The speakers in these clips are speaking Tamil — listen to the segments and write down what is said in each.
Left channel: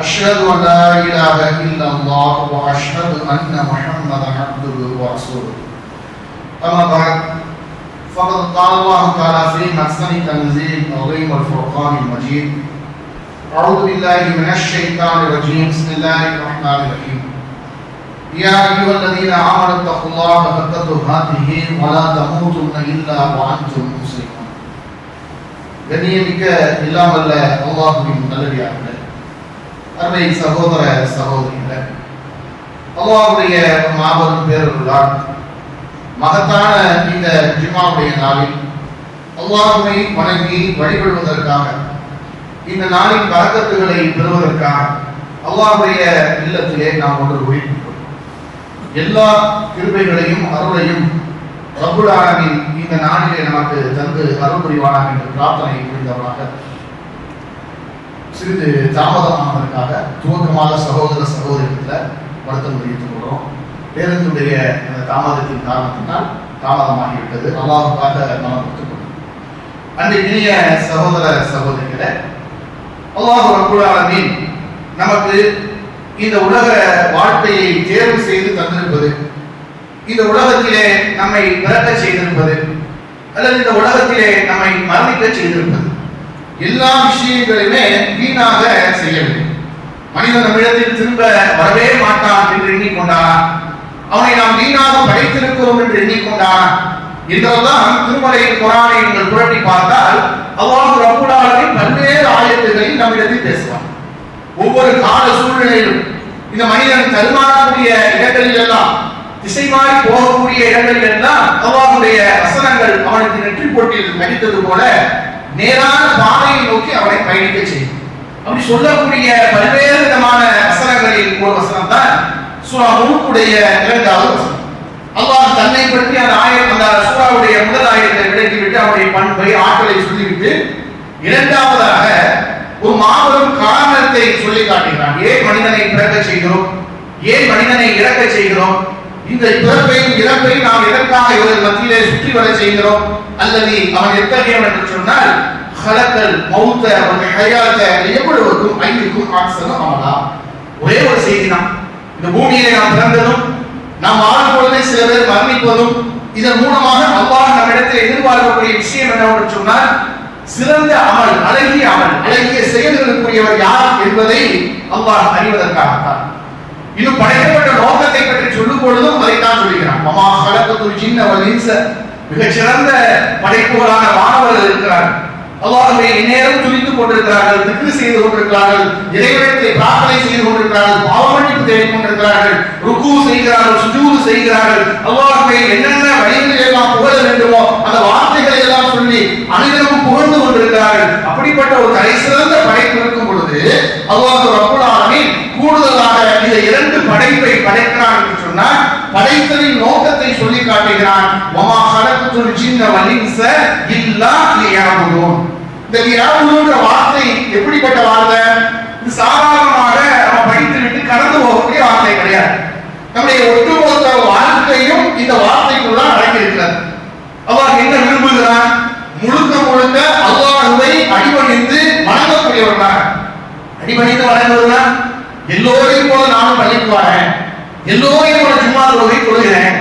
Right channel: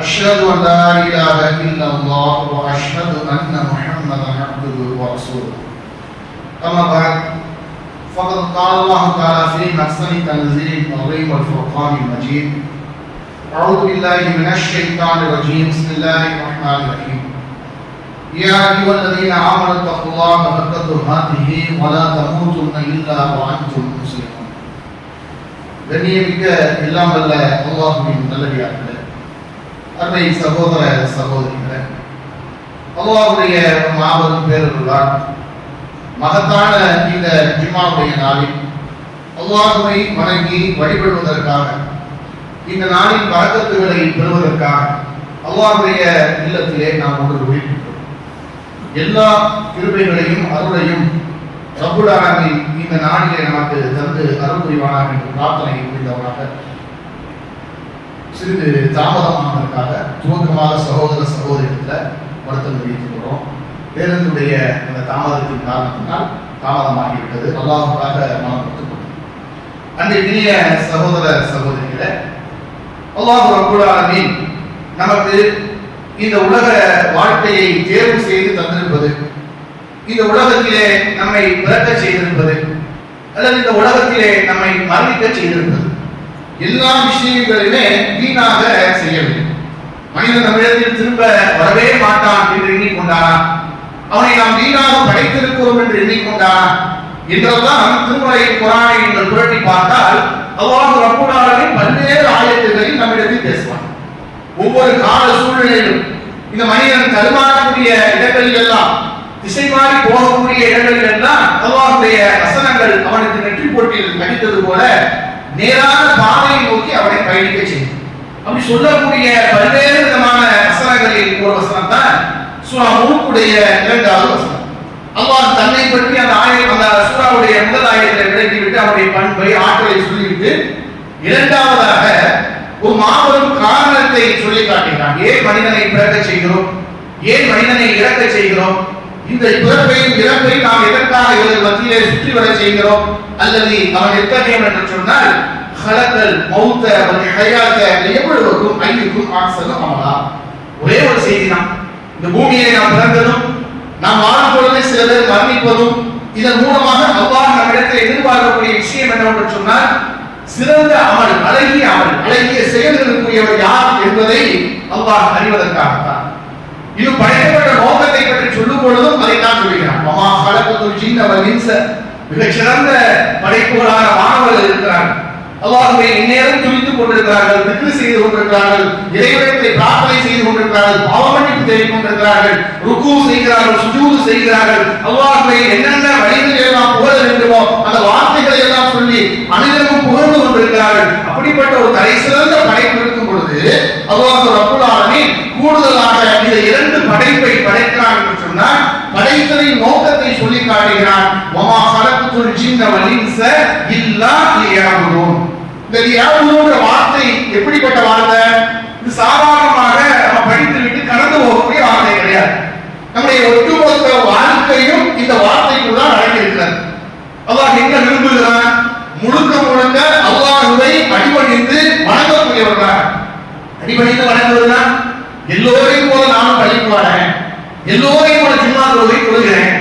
أشهد أن لا إله إلا الله وأشهد أن محمدا عبده ورسوله أما بعد فقد قال الله تعالى في محسن تنزيل العظيم والفرقان المجيد أعوذ بالله من الشيطان الرجيم بسم الله الرحمن الرحيم يا أيها الذين آمنوا اتقوا الله حق تقاته ولا تموتن إلا وأنتم مسلمون கண்ணியமிக்க எல்லாம் வல்ல அல்லாஹுவின் நல்லடியார்களே அருமை சகோதர சகோதரிகளே அல்லாவுடைய மாபெரும் பேருள்ளார் மகத்தான இந்த ஜிமாவுடைய நாளில் அல்லாஹுவை வணங்கி வழிபடுவதற்காக இந்த நாளின் வழக்கத்துகளை பெறுவதற்காக அல்லாஹுடைய இல்லத்திலே நாம் ஒன்று ஒழிக்கின்றோம் எல்லா கிருபைகளையும் அருளையும் ரப்புல் இந்த நாளிலே நமக்கு தந்து அருள் புரிவானாக என்று பிரார்த்தனை புரிந்தவராக சிறிது தாமதமானதற்காக துவக்கமாக சகோதர சகோதரிகளில் வருத்தம் தெரிவித்துக் கொள்கிறோம் பேருந்துடைய அந்த தாமதத்தின் காரணத்தினால் தாமதமாகிவிட்டது. அல்லாஹுக்காக நாம் ஒத்துக்கொள்கிறோம் அன்றைய சகோதர சகோதரிகளை அல்லாஹ் ரப்புல் நமக்கு இந்த உலக வாழ்க்கையை தேர்வு செய்து தந்திருப்பது இந்த உலகத்திலே நம்மை பிறக்க செய்திருப்பது அல்லது இந்த உலகத்திலே நம்மை மரணிக்க செய்திருப்பது எல்லா விஷயங்களையுமே வீணாக செய்யவில்லை மனிதன் தமிழத்தில் திரும்ப வரவே மாட்டான் என்று எண்ணிக்கொண்டானா? அவனை நாம் வீணாக படைத்திருக்கிறோம் என்று எண்ணிக்கொண்டானா? என்றெல்லாம் திருமலை குரானை நீங்கள் புரட்டி பார்த்தால் அவ்வாறு ரப்பல் பல்வேறு ஆயத்துகளில் நம்மிடத்தில் பேசுவான். ஒவ்வொரு கால சூழ்நிலையிலும் இந்த மனிதன் தருமாறக்கூடிய இடங்களில் எல்லாம் திசை மாறி போகக்கூடிய இடங்களில் எல்லாம் அவ்வாறுடைய வசனங்கள் அவனுக்கு நெற்றி போட்டியில் நடித்தது போல நேரான பாதையை நோக்கி அவனை பயணிக்க செய்யும். அப்படி சொல்லக்கூடிய பல்வேறு விதமான வசனங்களில் ஒரு வசனம் தான் சூரா முழுக்குடைய இரண்டாவது வசனம். அல்லாஹ் தன்னை பற்றி அந்த ஆயிரம் அந்த சூறாவுடைய முதல் ஆயிரத்தை விளக்கிவிட்டு அவருடைய பண்பை ஆற்றலை சொல்லிவிட்டு இரண்டாவதாக ஒரு மாபெரும் காரணத்தை சொல்லி காட்டுகிறான். ஏன் மனிதனை பிறக்க செய்கிறோம்? ஏன் மனிதனை இறக்க செய்கிறோம்? இந்த பிறப்பையும் இறப்பையும் நாம் எதற்காக இவர்கள் மத்தியிலே சுற்றி வர செய்கிறோம். அல்லது அவன் எத்தகையவன் என்று சொன்னால் ஹலக்கல் மௌத்த அவன் ஹயாத்த எவ்வளவுக்கும் ஐயுக்கும் ஆக்சனம் அமலா ஒரே ஒரு செய்தி தான். இந்த பூமியை நாம் பிறந்ததும் நாம் வாழும் பொழுதே சில பேர் மரணிப்பதும் இதன் மூலமாக அல்லாஹ் நம்மிடத்தில் எதிர்பார்க்கக்கூடிய விஷயம் என்னவென்று சொன்னால் சிறந்த அமல் அழகிய அமல் அழகிய செயல்களுக்குரியவர் யார் என்பதை அல்லாஹ் அறிவதற்காகத்தான். இது படைக்கப்பட்ட நோக்கத்தை பற்றி சொல்லும் பொழுதும் அதைத்தான் சொல்லுகிறான் மமா கலக்கத்து சின்ன வலின்ச மிகச் படைப்புகளான மாணவர்கள் இருக்கிறார்கள். அல்லாஹ்வை இந்நேரம் துணித்துக் கொண்டிருக்கிறார்கள் திக்கு செய்து கொண்டிருக்கிறார்கள் இறைவனத்தை பிரார்த்தனை செய்து கொண்டிருக்கிறார்கள் பாவமன்னிப்பு தேடிக் கொண்டிருக்கிறார்கள் ருக்கு செய்கிறார்கள் சுஜூது செய்கிறார்கள். அல்லாஹ்வை என்னென்ன வழிகளில் எல்லாம் புகழ வேண்டுமோ அந்த வார்த்தைகளை எல்லாம் சொல்லி அனைவரும் புகழ்ந்து கொண்டிருக்கிறார்கள். அப்படிப்பட்ட ஒரு தலை சிறந்த படைப்பு இருக்கும் பொழுது அல்லாஹ் ரப்புல் ஆலமீன் இந்த இரண்டு படைப்பை படைக்கிறான் என்று சொன்னால் படைத்தலின் நோக்கத்தை சொல்லி காட்டுகிறான். மமா கலக்குத்துல் ஜின்ன வலின்ச இல்லா லியாபுதூன். இந்த லியாபுதூன்ற வார்த்தை எப்படிப்பட்ட வார்த்தை? இது சாதாரணமாக நம்ம படித்து விட்டு கடந்து போகக்கூடிய வார்த்தை கிடையாது. நம்முடைய ஒட்டுமொத்த வாழ்க்கையும் இந்த வார்த்தைக்குள் தான் அடங்கியிருக்கிறது. அல்லாஹ் என்ன விரும்புகிறான்? முழுக்க முழுக்க அல்லாஹுவை அடிபணிந்து வணங்கக்கூடியவர்களாக. அடிபணிந்து வணங்குவதுதான் எல்லோரையும் போல நானும் பள்ளிக்கு வரேன் எல்லோரையும் போல ஜும்மா தொழுகை கொள்கிறேன்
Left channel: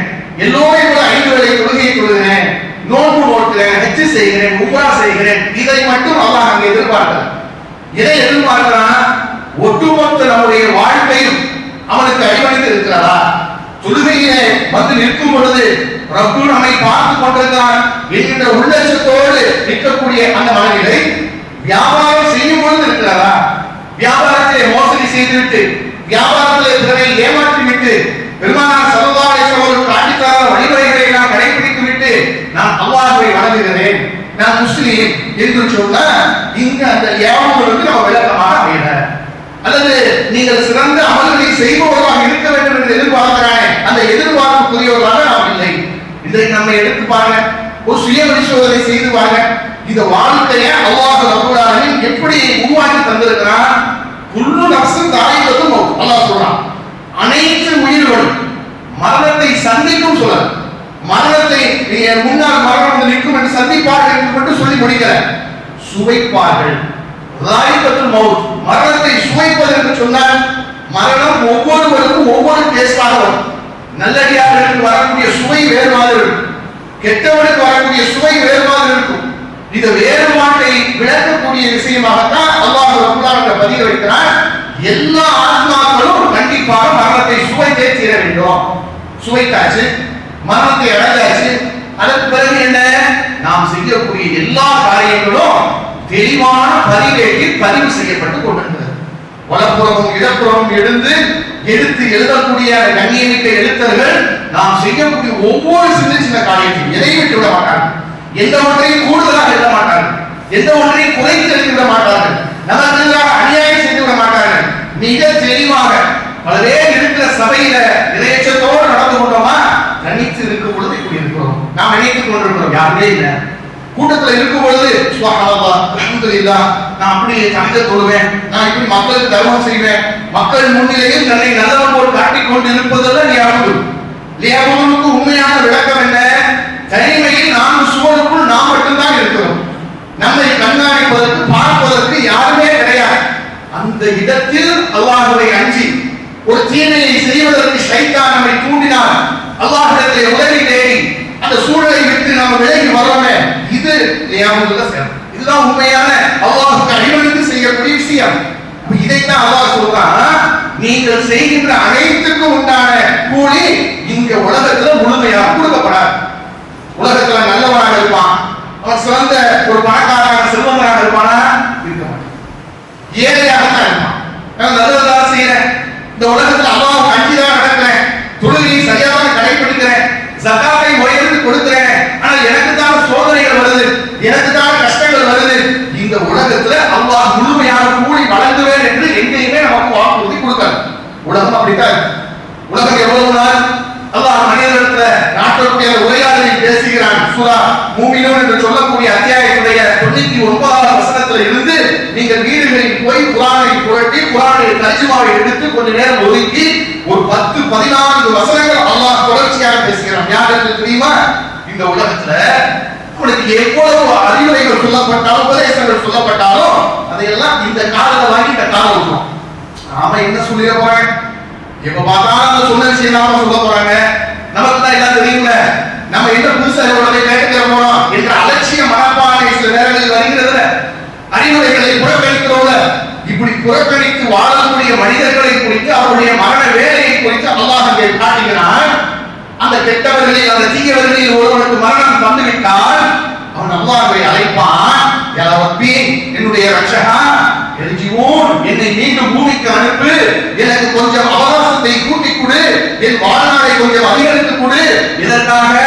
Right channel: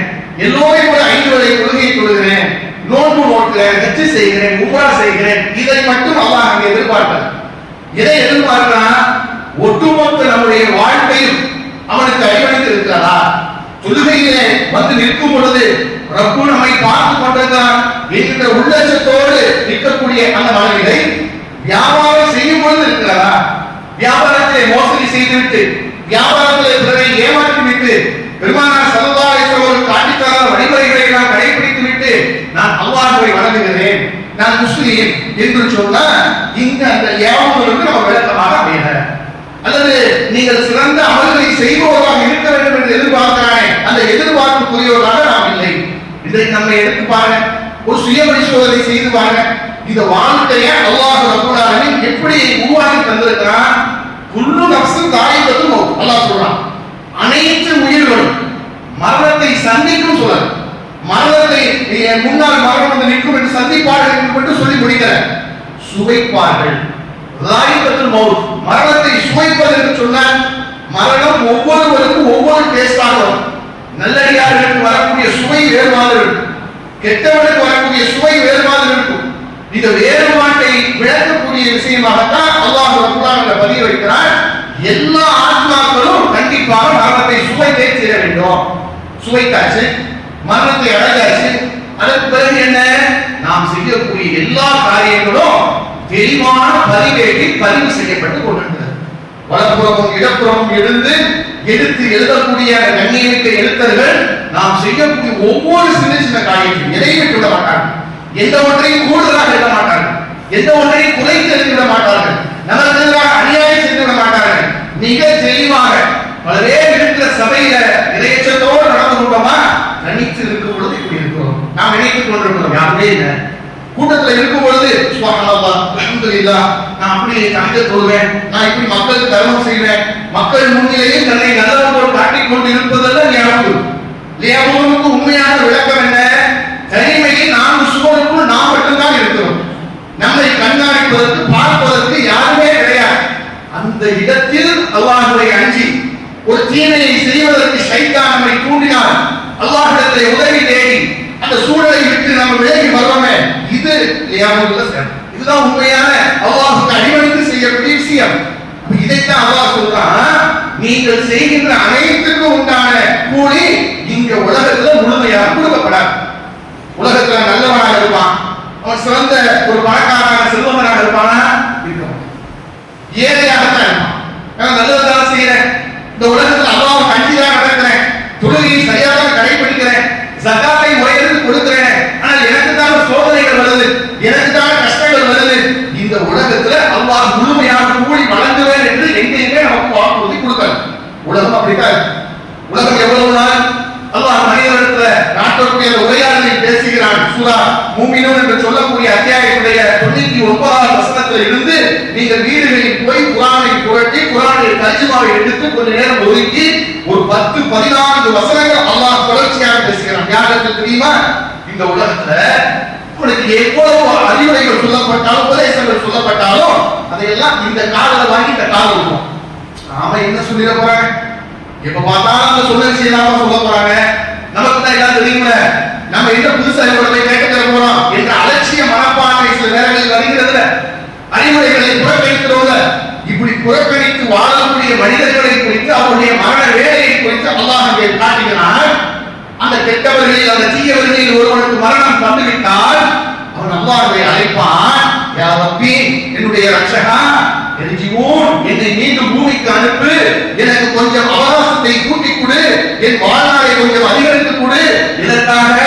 எல்லோரையும் போல ஐந்து வேலை தொழுகையை கொள்கிறேன் நோன்பு நோக்கிறேன் ஹஜ்ஜு செய்கிறேன் உபரா செய்கிறேன். இதை மட்டும் அல்லாஹ் அங்கே எதிர்பார்க்கிறான் இதை எதிர்பார்க்கிறான்? ஒட்டுமொத்த நம்முடைய வாழ்க்கையும் அவனுக்கு அடிபணித்து இருக்கிறாரா தொழுகையிலே வந்து நிற்கும் பொழுது ரப்பு நம்மை பார்த்து கொண்டிருக்கிறான். என்கின்ற உள்ளச்சத்தோடு நிற்கக்கூடிய அந்த மனிதரை வியாபாரம் வியாபாரத்திலே மோசடி செய்துவிட்டு வியாபாரத்திலே பிறரை ஏமாற்றிவிட்டு பெருமானார் சமுதாய ஒரு காட்டித்தர வழிமுறைகளை நான் கடைபிடித்து விட்டு நான் அல்லாஹை வணங்குகிறேன். நான் முஸ்லீம் என்று சொன்னால் இங்க அந்த ஏமாவுக்கு நம்ம விளக்கமாக அமையல. அல்லது நீங்கள் சிறந்த அமல்களை செய்பவர்களாக இருக்க வேண்டும் என்று எதிர்பார்க்கிறாய் அந்த எதிர்பார்ப்புக்குரியவர்களாக நாம் இல்லை. இன்றைக்கு நம்மை எடுத்து பாருங்க. ஒரு சுய பரிசோதனை செய்து பாருங்க. இந்த வாழ்க்கையை அல்லாஹ் ரபுல்லாலின் எப்படி உருவாக்கி தந்திருக்கிறான்? குல்லு நஃப்ஸின் தாயிகத்துல் மௌத் அல்லாஹ் சொல்றான். அனைத்து உயிர்களும் மரணத்தை சந்திக்கும் சொல்ல மரணத்தை என் முன்னால் மரணம் வந்து நிற்கும் என்று சந்திப்பார்கள் என்று மட்டும் சொல்லி முடிக்கிற சுவைப்பார்கள். தாயிகத்துல் மௌத். மரணத்தை சுவைப்பது என்று சொன்னால் மரணம் ஒவ்வொருவருக்கும் ஒவ்வொரு டேஸ்டாக வரும். நல்லடியார்களுக்கு வரக்கூடிய சுவை வேறு மாதிரி இருக்கும். கெட்டவனுக்கு வரக்கூடிய சுவை வேறு மாதிரி இருக்கும். இந்த வேறுபாட்டை விளக்கக்கூடிய விஷயமாகத்தான் அல்லாஹ் ரபுல்லாஹ் பதிவு வைக்கிறார் எல்லா ஆத்மாக்களும் கண்டிப்பாக மரணத்தை சுவைத்தே தீர வேண்டும். சுவைத்தாச்சு மரணத்தை அழகாச்சு அதற்கு பிறகு என்ன? நாம் செய்யக்கூடிய எல்லா காரியங்களும் தெளிவான பதிவேட்டில் பதிவு செய்யப்பட்டு கொண்டிருக்கிறது. வலப்புறமும் இடப்புறமும் எழுந்து எடுத்து எழுதக்கூடிய கண்ணியமிக்க எழுத்தர்கள் நாம் செய்யக்கூடிய ஒவ்வொரு சின்ன சின்ன காரியத்தையும் நிறைவேற்றி விட மாட்டாங்க. எந்த ஒன்றையும் எந்த ஒன்றையும் குறைத்து எழுதிவிட மாட்டார்கள். நமக்கு எதிராக அநியாயம் செய்துவிட மாட்டார்கள். மிக தெளிவாக பல பேர் இருக்கிற சபையில இறையச்சத்தோடு நடந்து கொண்டோமா? தனித்து இருக்கும் பொழுது இப்படி இருக்கிறோம். நாம் நினைத்துக் கொண்டிருக்கிறோம் யாருமே இல்லை. கூட்டத்துல இருக்கும் பொழுது சுபஹானல்லாஹ் அலமதுல்லா நான் அப்படி கணித தொழுவேன் நான் இப்படி மக்களுக்கு தர்மம் செய்வேன். மக்கள் முன்னிலையில் தன்னை நல்லவன் போல் காட்டிக் கொண்டு இருப்பதெல்லாம் லியாபு லியாபுவுக்கு உண்மையான விளக்கம் என்ன தனிமையில் நாம் சுவருக்குள் நாம் மட்டும்தான் இருக்கிறோம் நம்மை கண்காணிப்பதற்கு பார்ப்பதற்கு யாருமே கிடையாது அந்த இடத்தில் அல்லாஹ்வை அஞ்சி ஒரு தீமையை செய்வதற்கு ஷைத்தான் நம்மை தூண்டினான் அல்லாஹ்விடத்திலே உதவி தேடி அந்த சூழலை விட்டு நம்ம விலகி வரோமே இது லியாபுல சேரும் இதுதான் உண்மையான அல்லாஹ்வுக்கு அடிமணித்து செய்யக்கூடிய விஷயம் அப்ப இதைத்தான் அல்லாஹ் சொல்றான் நீங்கள் செய்கின்ற அனைத்துக்கும் உண்டான கூலி இங்க உலகத்துல முழுமையாக கொடுக்கப்படாது உலகத்துல நல்லவனாக இருப்பான் அவன் சிறந்த ஒரு பணக்காரனாக செல்வந்தனாக இருப்பானா இருப்பான் ஏழையாகத்தான் இருப்பான் நான் செய்யறேன். இந்த உலகத்துல அல்லாவும் அஞ்சுதான் நடக்கிறேன். தொழுகையை சரியாக கடைபிடிக்கிறேன். சகாத்தை முறையிட்டு கொடுக்கிறேன். ஆனால் எனக்கு தான் சோதனைகள் வருது. எனக்கு தான் கஷ்டங்கள் வருது. இந்த உலகத்துல அல்லாஹ் முழுமையாக கூடி வழங்குவேன் என்று எங்கேயுமே நமக்கு வாக்குறுதி கொடுத்தாரு. உலகம் அப்படித்தான் உலகம் எவ்வளவு நாள் அல்லாஹ் மனிதனிடத்துல நாட்டக்கூடிய உரையாடலில் பேசுகிறான். சுரா மூமினோ என்று சொல்லக்கூடிய அத்தியாயத்துடைய தொண்ணூத்தி ஒன்பதாவது வசனத்துல இருந்து நீங்கள் வீடுகளில் போய் குரானை புரட்டி குரானை தர்ஜுமாவை எடுத்து கொஞ்ச நேரம் ஒதுக்கி ஒரு பத்து பதினான்கு வசனங்கள் அல்லாஹ் தொடர்ச்சியாக பேசுகிறான். யாருக்கு தெரியுமா? இந்த உலகத்துல உங்களுக்கு எவ்வளவு அறிவுரைகள் சொல்லப்பட்டாலும் உபதேசங்கள் சொல்லப்பட்டாலும் அதையெல்லாம் இந்த காதல வாங்கி இந்த காதல விடுவோம் நாம என்ன சொல்லிட போறேன் எப்ப பார்த்தாலும் அந்த சொன்ன செய்யலாம சொல்ல போறாங்க. நமக்கு தான் எல்லாம் தெரியும்ல. நம்ம என்ன புதுசா கேட்டு தர போறோம்? என்ற அலட்சிய மனப்பான்மை சில வருகிறதுல அறிவுரைகளை புறக்கணிக்கிறோம்ல இப்படி புறக்கணித்து வாழக்கூடிய மனிதர்களை குறித்து அவருடைய மரண வேலையை குறித்து அல்லாஹ் காட்டுகிறான். அந்த கெட்டவர்களில் அந்த தீயவர்களில் ஒருவனுக்கு மரணம் தந்துவிட்டால் அவன் அல்லாஹை அழைப்பான். யா ரப்பி என்னுடைய ரட்சகா எரிஜிவோன் என்னை மீண்டும் பூமிக்கு அனுப்பு. எனக்கு கொஞ்சம் அவகாசத்தை கூட்டிக் கொடு. என் வாழ்நாளை கொஞ்சம் அதிகரித்து கொடு. இதற்காக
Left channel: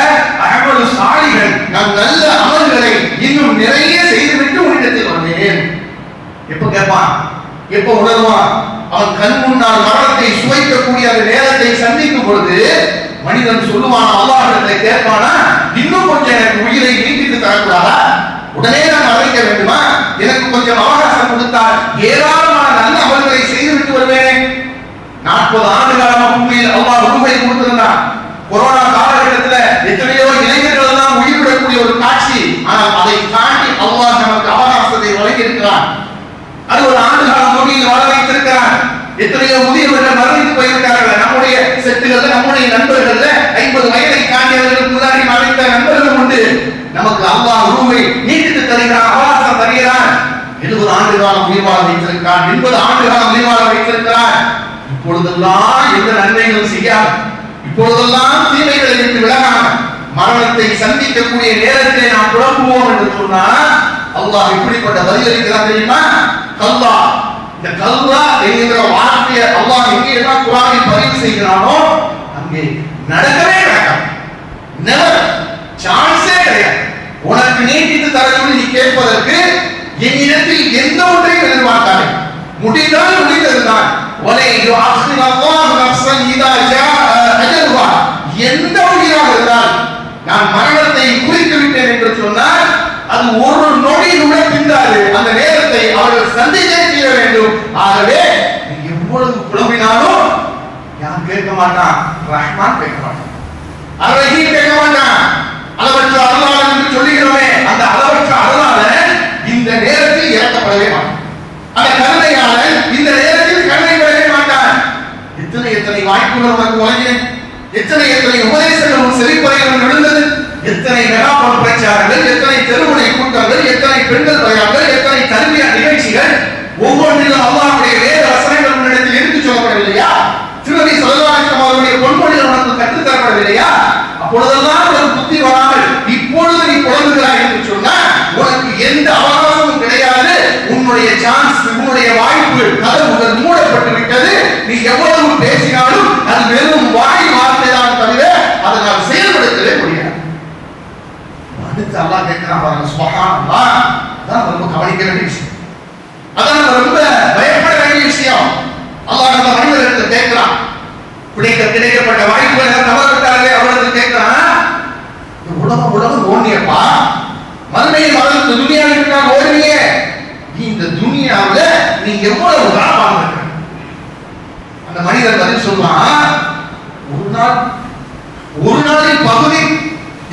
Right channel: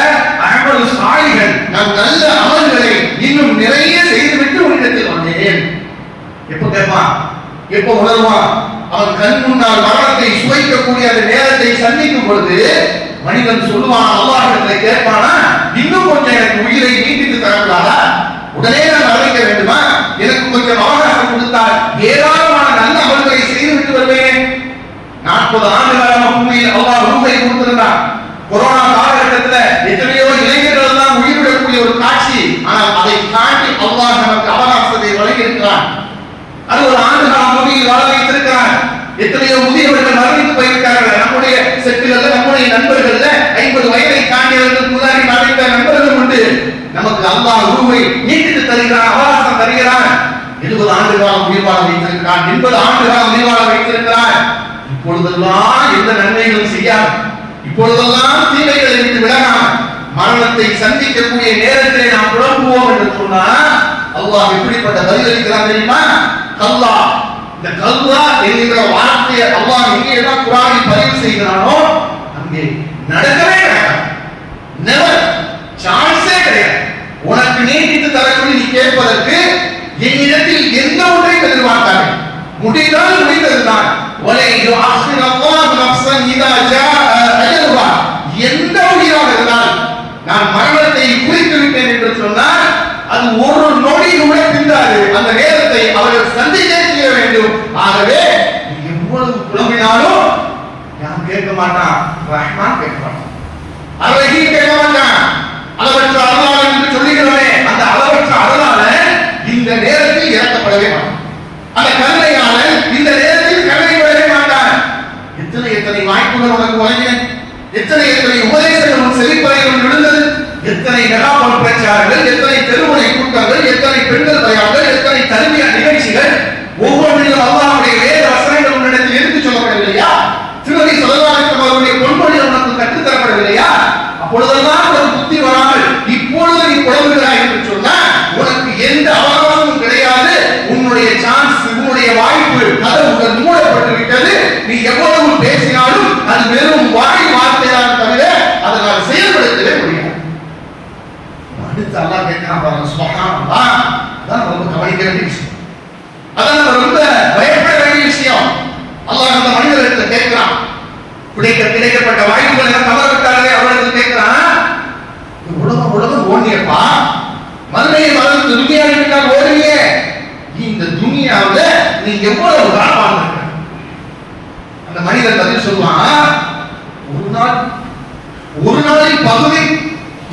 அகமது சாலிகள் நம் நல்ல அமல்களை இன்னும் நிறைய செய்துவிட்டு உன்னிடத்தில் வந்தேன் எப்ப கேட்பான் எப்ப உணர்வான் அவன் கண் முன்னால் மரணத்தை சுவைக்கக்கூடிய அந்த நேரத்தை சந்திக்கும் பொழுது மனிதன் சொல்லுவான் அல்லாஹிடத்தை கேட்பானா? இன்னும் கொஞ்சம் எனக்கு உயிரை நீட்டித்து தரக்கூடாதா? உடனே நான் மறைக்க வேண்டுமா? எனக்கு கொஞ்சம் அவகாசம் கொடுத்தால் ஏராளமான நல்ல அமல்களை செய்துவிட்டு வருவேன். நாற்பது ஆண்டு காலமா பூமியில் அல்லாஹ் உண்மை கொடுத்திருந்தான். கொரோனா காலகட்டத்தில் எத்தனையோ இளைஞர்கள் எல்லாம் உயிரிடக்கூடிய ஒரு காட்சி ஆனால் அதை தாண்டி அல்லாஹ் நமக்கு அவகாசத்தை வழங்கி இருக்கிறான் அது ஒரு ஆண்டு காலம் பூமியில் வாழ வைத்திருக்கிறான் எத்தனையோ முதியவர்கள் மரணித்து போயிருக்கார்கள் நம்முடைய செட்டுகள்ல நம்முடைய நண்பர்கள்ல ஐம்பது வயதை தாண்டியவர்கள் முன்னாடி மறைந்த நண்பர்கள் உண்டு. நமக்கு அல்லா ரூமை நீட்டித்து தருகிறான் அவகாசம் தருகிறான். எழுபது ஆண்டு காலம் உயிர்வாழ வைத்திருக்கிறான் எண்பது ஆண்டு காலம் உயிர்வாழ வைத்திருக்கிறான். இப்பொழுதெல்லாம் எந்த நன்மைகளும் செய்யாது. இப்பொழுதெல்லாம் தீமைகளை விட்டு விடலாம் மரணத்தை சந்திக்கக்கூடிய நேரத்திலே நாம் புலம்புவோம் என்று சொன்னால் அல்லாஹ் இப்படிப்பட்ட பதிலளிக்கிறான் தெரியுமா? கல்லா இந்த கல்வா என்கிற வார்த்தையை அல்லாஹ் எங்கெல்லாம் குரானில் பதிவு செய்கிறானோ அங்கே நடக்கவே நடக்காது. நெவர் சான்ஸே கிடையாது. உனக்கு நீட்டித்து தரக்கூடிய நீ கேட்பதற்கு என்னிடத்தில் எந்த ஒன்றையும் எதிர்பார்க்காதே. முடிந்தால் முடிந்ததுதான் வலை யுஅخிர் அல்லாஹ் நஃப்ஸன் இதா ஜா அஜலுஹா எந்த உயிராக இருந்தால் நான் மரணத்தை குறித்து விட்டேன் என்று சொன்னால் அது ஒரு நொடி கூட பிந்தாது அந்த நேரத்தை அவர்கள் சந்திக்க செய்ய வேண்டும். ஆகவே நீ எவ்வளவு புலம்பினாலும் யாரும் கேட்க மாட்டான்? ரஹ்மான் கேட்க மாட்டான். அழகியும் கேட்க மாட்டான். அளவற்ற அருளாளன் என்று சொல்லுகிறோமே அந்த அளவற்ற அருளாளன் இந்த நேரத்தில் இறக்கப்படவே மாட்டான் அந்த கருணையாளன் இந்த நேரத்தில் கருணை பெறவே மாட்டான் எத்தனை எத்தனை வாய்ப்புகள் உனக்கு வழங்கினேன் எத்தனை எத்தனை உபதேசங்களும் செழிப்பறைகளும் விழுந்தது எத்தனை மெகாபோன் பிரச்சாரங்கள் எத்தனை தெருமுனை எத்தனை பெண்கள் பயான்கள் எத்தனை கல்வி நிகழ்ச்சிகள் ஒவ்வொன்றிலும் அல்லாவுடைய வேத வசனங்கள் உன்னிடத்தில் எடுத்து சொல்லப்படவில்லையா? திருமதி சொல்லலாட்டம் அவருடைய பொன்மொழி உனக்கு கற்றுத்தரப்படவில்லையா? அப்பொழுதெல்லாம் உனக்கு புத்தி வராமல் இப்பொழுது நீ புலம்புகிறாய் என்று சொன்னால் உனக்கு எந்த அவகாசமும் கிடையாது உன்னுடைய சான்ஸ் உன்னுடைய வாய்ப்பு கதவுகள் மூடப்பட்டு விட்டது நீ எவ்வளவு பேசினாலும் அது வெறும் வாய் வார்த்தைதான் தவிர அதனால் செயல்படுத்தவே முடியாது அடுத்து அல்லாஹ் கேட்கிறான் பாருங்க சுபஹானல்லாஹ் அதான் ரொம்ப கவனிக்க வேண்டிய விஷயம் அதான் நம்ம ரொம்ப பயப்பட வேண்டிய விஷயம் அல்லாஹ் அந்த மனிதர்கிட்ட கேட்கிறான் கிடைக்க கிடைக்கப்பட்ட வாய்ப்புகளை தவற விட்டாலே அவர்களுக்கு கேட்கிறான் இந்த உலகம் உலகம் ஓடியப்பா மதுரையை மதம் துணியாவில் நான் ஓடுவியே இந்த துணியாவுல நீ எவ்வளவு காலம் வாழ்ந்திருக்க அந்த மனிதன் பதில் சொல்லுவான் ஒரு நாள் ஒரு நாளில் பகுதி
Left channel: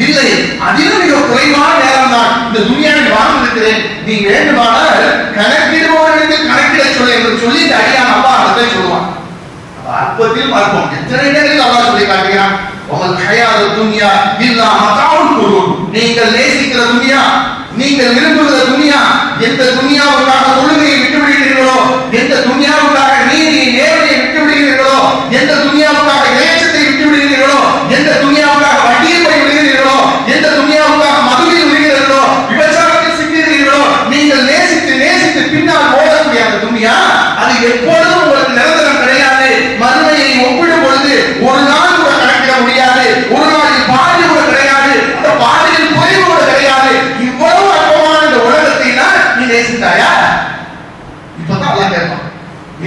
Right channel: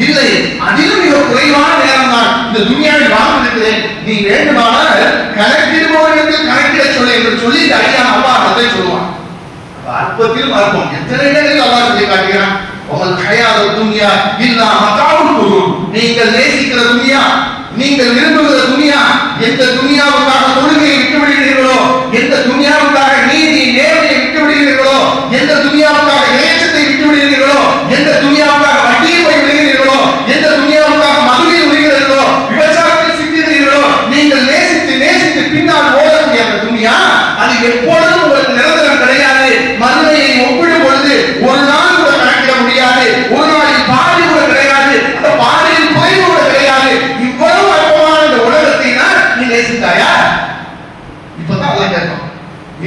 இல்லை அதிலும் மிக குறைவான நேரம் தான். இந்த துணியாவில் வாழ்ந்திருக்கிறேன் நீ வேண்டுமானால் கணக்கிடுபவர்களுக்கு கணக்கிட சொல்லு என்று சொல்லி இந்த அடியான் அல்லா அதை சொல்லுவான். அப்ப அற்பத்தில் அற்பம் எத்தனை நேரத்தில் அல்லா சொல்லி காட்டுகிறான்? உங்கள் கையாத துணியா இல்லா மதாவுல் பொருள் நீங்கள் நேசிக்கிற துணியா நீங்கள் விரும்புகிற துணியா எந்த துன்யாவுக்காக தொழுகையை விட்டு விடுகிறீர்களோ எந்த துன்யாவுக்காக நீதி நேர்மையை விட்டு விடுகிறீர்களோ எந்த துன்யாவுக்காக இறைச்சத்தை விட்டு விடுகிறீர்களோ எந்த துன்யாவுக்காக வட்டியை போய் விடுகிறீர்களோ எந்த துன்யாவுக்காக மதுவில் விடுகிறீர்களோ விபச்சாரத்தில் சிக்கிறீர்களோ நீங்கள் நேசித்து நேசித்து பின்னால் ஓடக்கூடிய அந்த துன்யா அது எப்பொழுதும் உங்களுக்கு நிரந்தரம் கிடையாது மதுமையை ஒப்பிடும் பொழுது ஒரு நாள் கூட கணக்கிட முடியாது ஒரு நாளில் பாதி கூட கிடையாது அந்த பாதியில் குறைவு கூட கிடையாது இவ்வளவு அற்பமான இந்த உலகத்தை தான் நீ நேசித்தாயா இப்பதான் எல்லாம் கேட்கும்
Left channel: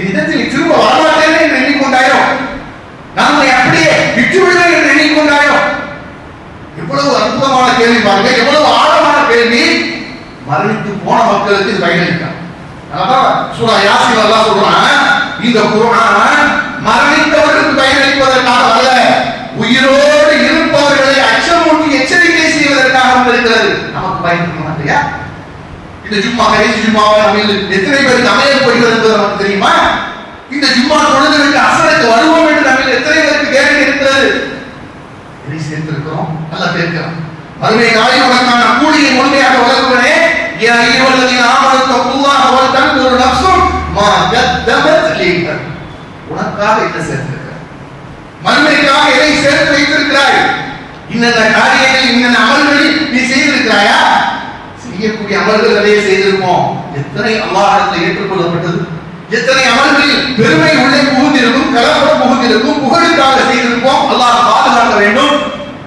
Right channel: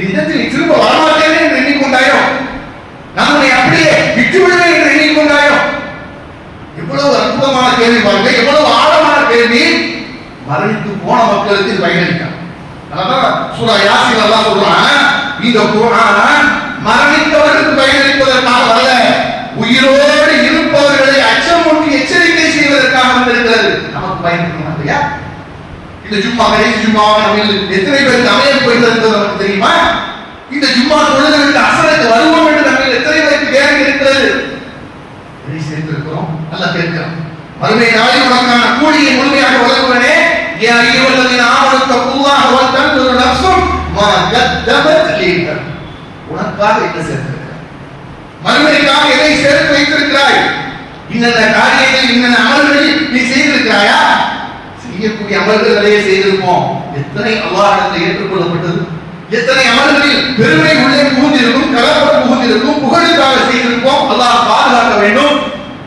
இதத்தில் நீ திரும்ப வரமாட்டேனே என்று எண்ணிக்கொண்டாயோ நான் உன்னை அப்படியே விட்டு விடுவேன் என்று எண்ணிக்கொண்டாயோ எவ்வளவு அற்புதமான கேள்வி பாருங்க எவ்வளவு ஆழமான கேள்வி மரணித்து போன மக்களுக்கு இது பயனளிக்கும் அதான் சூரா யாசின் சொல்றான் இந்த மரணித்தவர்களுக்கு பயனளிப்பதற்காக உயிரோடு இருப்பவர்களை அச்சமூட்டி எச்சரிக்கை செய்வதற்காக நமக்கு பயன்படுத்தணும் இல்லையா? இந்த ஜும்மா கடைசி ஜும்மாவை நம்ம எத்தனை பேருக்கு அமையப்படுகிறது நமக்கு தெரியுமா? இந்த ஜும்மா தொழுதலுக்கு அசலுக்கு வருவோம் என்று நம்ம எத்தனை பேருக்கு கேரண்டி இருக்கிறது? இதை சேர்ந்திருக்கிறோம் அல்ல பேருக்கிறோம் மறுமை உனக்கான கூலியை முழுமையாக வழங்குவனே என் ஐயவல்லதின் ஆமனத்த உனக்காக என்ன சேர்த்திருக்கிறார் மறுமைக்காக எதை சேர்த்து வைத்திருக்கிறாய்? இன்னென்ன காரியங்கள் இன்னென்ன அமல்களில் நீ செய்திருக்கிறாயா? செய்யக்கூடிய அமல்கள் நிறைய செய்திருப்போம். எத்தனை அல்லாஹிடத்தில் ஏற்றுக்கொள்ளப்பட்டது? எத்தனை அமல்களில் பெருமை உள்ளே புகுந்திருக்கும் கலப்பட புகுந்திருக்கும் புகழுக்காக செய்திருப்போம். அல்லாஹ் பாதுகாக்க வேண்டும்.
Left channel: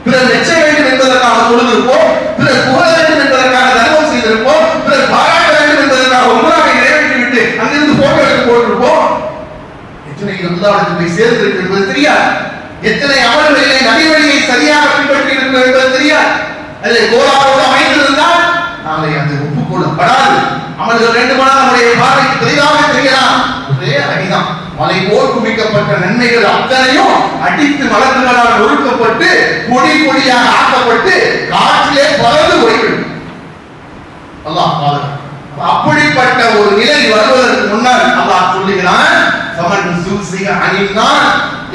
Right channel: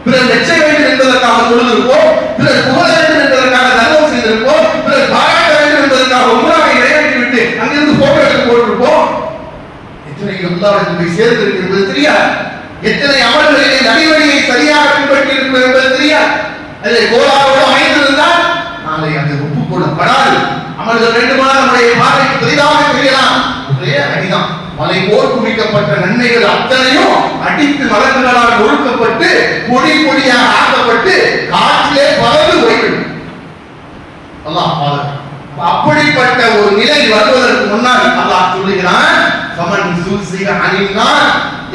பிறர் வெச்ச வேண்டும் என்பதற்காக தொழுதிருப்போம். பிறர் புகழ வேண்டும் என்பதற்காக தர்மம் செய்திருப்போம் பிறர் பாராட்ட வேண்டும் என்பதற்காக உமராவை நிறைவேற்றிவிட்டு அங்கிருந்து போட்டோ எடுத்து போட்டிருப்போம் எத்தனை போய் சேர்ந்திருக்கு என்பது தெரியாது. எத்தனை அமல்களிலே நடிவழியை சரியாக பின்பற்றி என்பது தெரியாது. அதை கோலாவோடு அமைந்திருந்தால் நாளை அது ஒப்புக்கொள்ளப்படாது. அமல்கள் வேண்டுமானால் நம்முடைய பார்வைக்கு பெரிதாக தெரியலாம். ஒரே அடிதான். மலை போர் குவிக்கப்பட்ட நன்மைகள் அத்தனையும் அடித்து மலர்களால் ஒழுக்கப்பட்டு பொடி பொடியாக ஆக்கப்பட்டு காற்றிலே பறந்து போய்விடும். அல்லாஹ் அப்படிப்பட்ட ஒரு நிலை வருவதற்கு முன்னால் அல்லாஹ் சொல்லுகிறான் கமல் சூசிக அணிந்தான்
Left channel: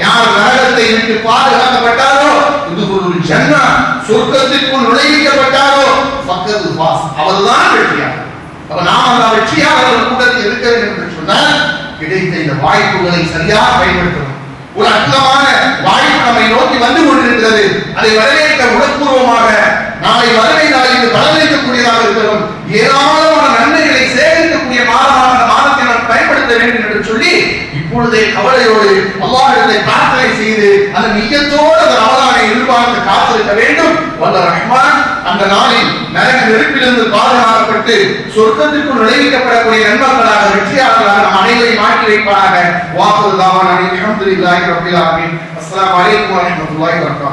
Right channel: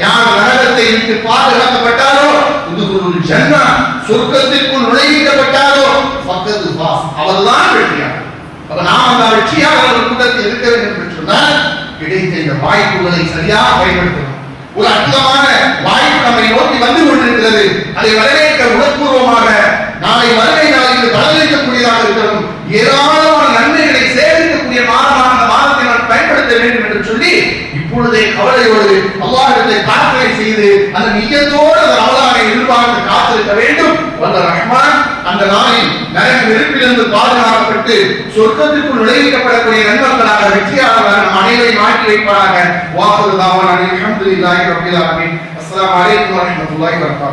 யார் நரகத்தை விட்டு பாதுகாக்கப்பட்டாரோ இது ஒரு ஜன்னா சொர்க்கத்திற்குள் நுழைவிக்கப்பட்டாரோ பக்கத்து பாஸ் அவர்தான் வெற்றியாளர். அப்ப நாம் அந்த வெற்றியாளர்கள் கூட்டத்தில் இருக்க வேண்டும் என்று சொன்னால் கிடைத்த இந்த வாய்ப்புகளை சரியாக பயன்படுத்தணும். ஒரு அற்புதமான வாய்ப்பு நம்மை நோக்கி வந்து கொண்டிருக்கிறது. அதை வரவேற்க உடற்பூர்வமாக நாளை வறுமை நாளில் பலனளிக்கக்கூடியதாக இருக்கிறோம் ஏராளமான நன்மைகளை சேகரிக்கக்கூடிய மாதமாக அந்த மாதத்தை நான் பயன்படுத்த வேண்டும் என்று சொல்லி இப்பொழுதே கவலையோடு அல்லாஹிடத்தை பிரார்த்தனை செய்து அந்த நிஜத்தோடு அந்த ரமலானை எதிர்பார்த்து காத்திருக்க வேண்டும் வல்ல ரஹ்மான் அந்த நாளில் நரக நெருப்பிலிருந்து பாதுகாக்கப்பட்டு சொர்க்கத்திற்குள் நுழைவிக்கப்படக்கூடிய நண்பர்களாக வெற்றியாளர்களாக நம் அனைவரையும் மாற்றி வைப்பாராக வாக்குறுதாவான அலமதுல்லாஹி ரபில் ஆலமீன். அஸ்ஸலாமு அலைக்கும் வரஹ்மத்துல்லாஹி வபரகாத்துஹு.